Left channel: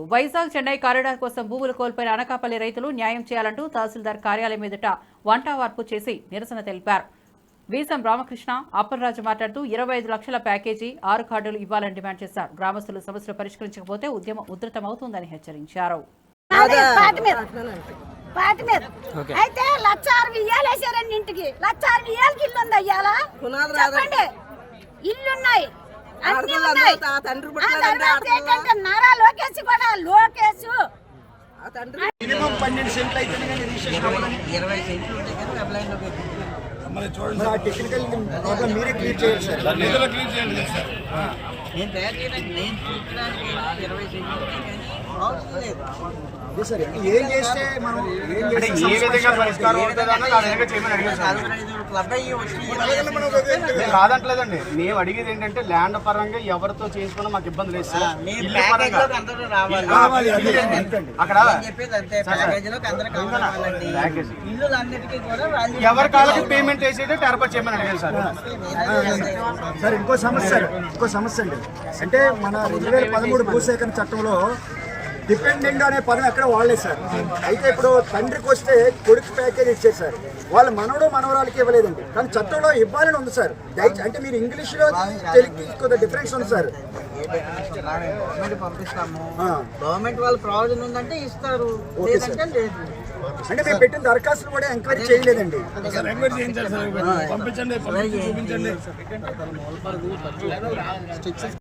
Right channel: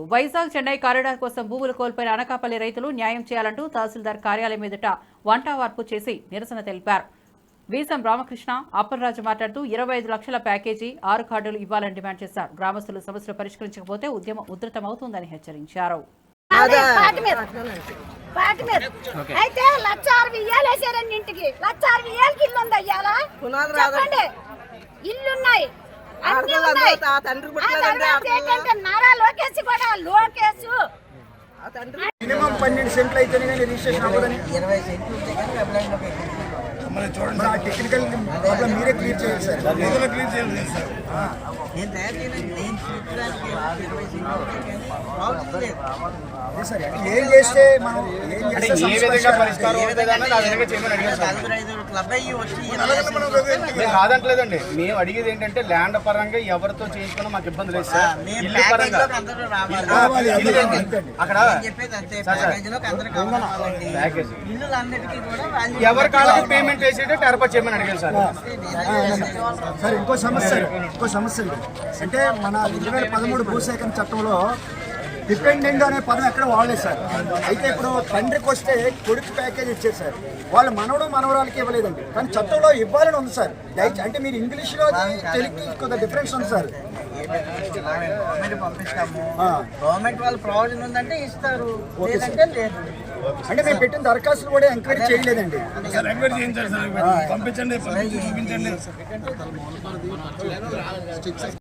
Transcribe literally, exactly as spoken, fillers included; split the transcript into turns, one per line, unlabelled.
Vizag Chennai corridor కోసం భూములు కోల్పోయిన అనకాపల్లి రైతులు న్యాయం చేయాలంటూ తహసీల్దార్ కార్యాలయం ఎదుట వంటావార్పు చేసి నిరసన తెలిపారు. వీసం రామకృష్ణ అప్పలరాజు మాట్లాడుతూ ఇరవై ఐదు లక్షల ప్యాకేజీ ఆరు కార్డులు ఇవ్వాలని డిమాండ్ చేశారు. గ్రామస్తులు సమస్యలు పరిష్కరించకపోతే ఉద్యమం ఉధృతమవుతుందని హెచ్చరించారు.
అయితే లక్ష అరవై ఏళ్ళు వేసారండి ఇంటికి లక్ష అరవై ఏళ్ళకి ఇల్లు ఉంది అయ్యాలా చెప్పండి ఇల్లున్నాయి అన్ని ఉన్నాయి. నారా లోకేష్ కూడా లోకేష్
మినిమం పన్నెండు సెంట్లు అయితేనే కానీ రిజిస్ట్రేషన్ అవ్వదని
ఇరవై సెంట్లు ఉంటే కానీ వెబ్ లైన్ లోకి
మరి చూడండి ఆ టెక్నికల్ ప్రాబ్లం మీరే క్లియర్ చేయాలి సార్.
నేను తయారు చేయడానికి నేను చూడడానికి ఇరవై సెంట్లు ఉంటే కానీ ప్రాబ్లం లేదు.
అదే సార్ ఏం చేస్తే మనం ఏం చేస్తే
క్లబ్ అయ్యి వచ్చి
కాదంటలేదండి. మేము అడిగేది ఏంటంటే ల్యాండ్ పరంగా ఎవరితో చేయించుకున్నా మాకు ఇబ్బంది లేదు సార్.
అందరూ రావాలి అక్కడ చెప్పేది అంతే. ప్యాకేజ్ లోకి అందరూ కవర్ అవ్వాలండి. ఇల్లు అన్నిటికీ కూడా
ఎవరి కాళ్ళకి పేమెంట్ వేసేటే ఏర్పాటు చేయమని అడిగాను సార్.
సార్ ఇంకో సమస్య ఇంకో సమస్య అండి. అంటే మన రెండు వేల పదమూడు భూసేకరణ చట్టంలో డిపెండెంట్ అనే పదం ఎక్కడ వాడలేదు సార్. అయితే ఇప్పుడు తండ్రికి వస్తే కొడుకు ప్యాకేజ్ ఇచ్చారు సార్. వాళ్ళ మనవడు మనవరాలకి ఇవ్వలేదండి. కానీ చట్టంలో ఇవ్వాలని ఉంది సార్. అంటే మీరు ఇంగ్లీష్లో తెలుగుకి కొద్దిగా డిఫరెన్స్ ఉంది సార్.
గవర్నమెంట్ పంపిస్తాము, గవర్నమెంట్ వాళ్ళు ప్రావిజన్ ఉందంటే ఇస్తారు, లేదంటే లేదు.
అంటే మేము పెట్టిన దరఖాస్తులు కూడా ఎంక్వైరీ చేయలేదండి.
పంపించండి.